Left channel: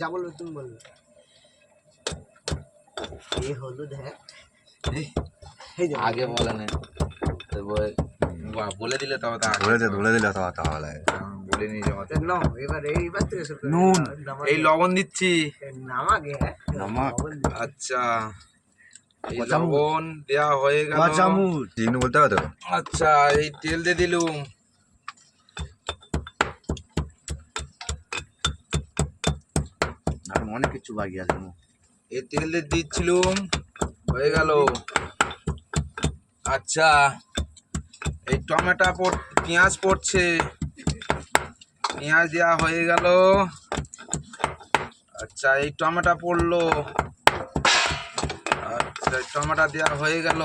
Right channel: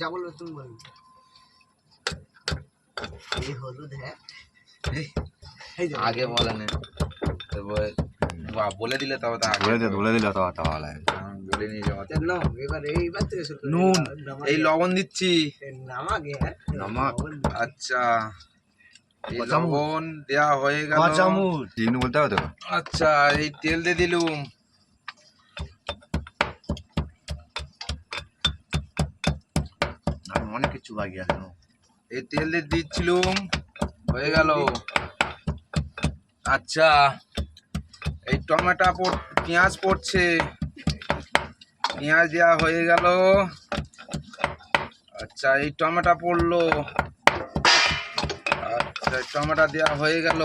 যা বলবে তুমি বলবে। এই হলুদ হ্যাঁ আগে বলে না বলে দিলে তবে বলে দিলে তো তাহলে বলিনি নাও এইবার থেকে শুরু করো। নুন এই লবণ দিচ্ছি নামাগে নমক আচ্ছা এই লবণ দেওয়া হয়ে গেল চামচ তিন বলতে হবে তো আচ্ছা এই তেল দিয়ে দিলুম আর অনেক কিছু বাকি আছে এই তেল দিয়ে দিচ্ছিলুম হয়ে গেল আচ্ছা এই টমেটো পেঁয়াজ পড়ছে পেঁয়াজ দেওয়া হয়ে গেল আচ্ছা এই টমেটো পড়লো আচ্ছা টমেটো দেওয়া হয়ে গেল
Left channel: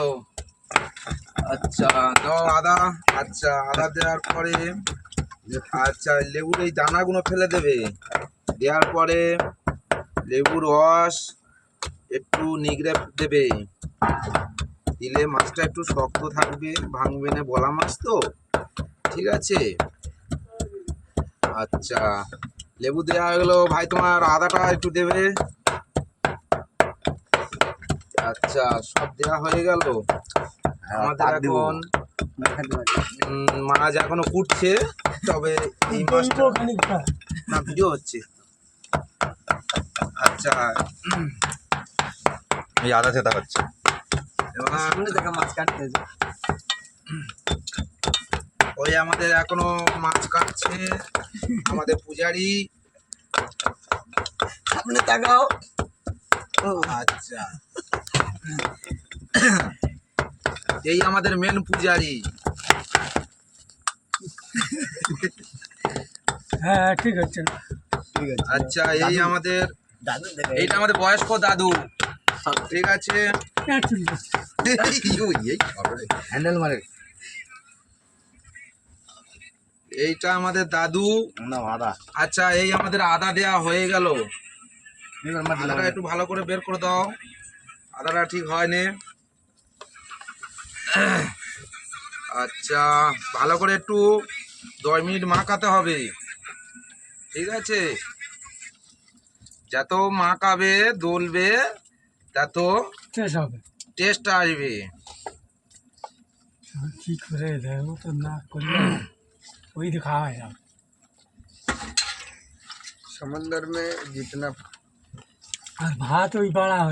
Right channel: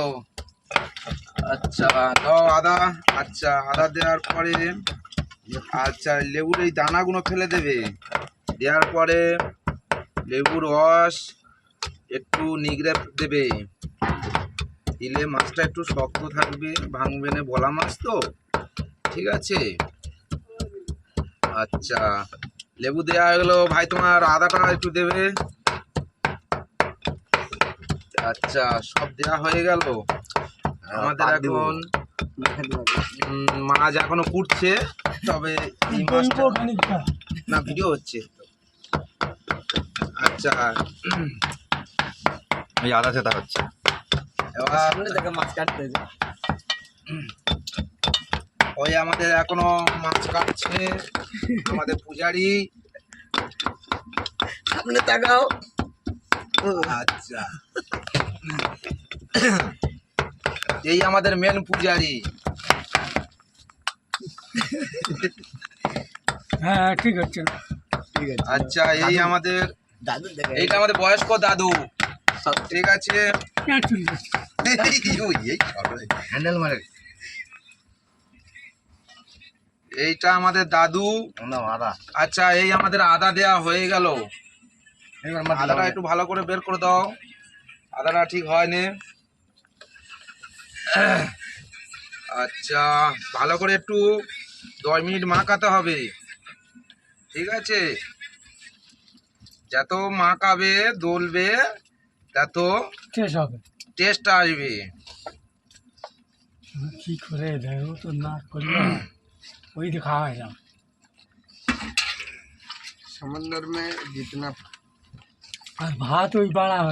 আচ্ছা দাও আদা আচ্ছা আদা দেওয়ার পরে আচ্ছা লেবুর এই দানাগুলো ফেলে দেবে দেওয়ার পরে লেবুর রস একটু নিগড়ে দেবে দিলে মাছটা একটু শক্ত থাকবে ভাঙবে না বলা মাছ তো ঠিক আছে আচ্ছা লেবু দেওয়া হয়ে গেলো ভাই তোমার আদাটা একটু দেবে আচ্ছা সব দেওয়া হয়ে গেল আমাদের এখন মাছ এখনো ফুটছে তবে এই মাছটা না ভিডিও হচ্ছে আচ্ছা এই আদা সেটা হচ্ছে এবার মাছ কাটতে ওই আমাদের এখনো মাছ কাটছে আমাদের পূজারি সামনে তাকাও আচ্ছা এই আমাদের মেন পূজারি হ্যাঁ ঠিক আছে ঠিক আছে আচ্ছা এই আমাদের দাদু এইটা আমাদের বয়স্ক দাদু ঠিক আছে হ্যান্ডেল মারে এইটা আমাদের দাদু না আদা আচ্ছা এই আমাদের আদা দেওয়া হয়ে গেল আদাটা একটু ভালো করে বের করে দাও আদাটা ঠিক হয়নি আচ্ছা ভালো করে একটু 10 মিনিট মাখাতে হবে ঠিক আছে যত মাখাবে দলবে তত টেস্ট হবে টেস্ট আসবে কি করে দেখো তো না করলে वही दिखावा है समंदर में जितना और भात वही बड़ा है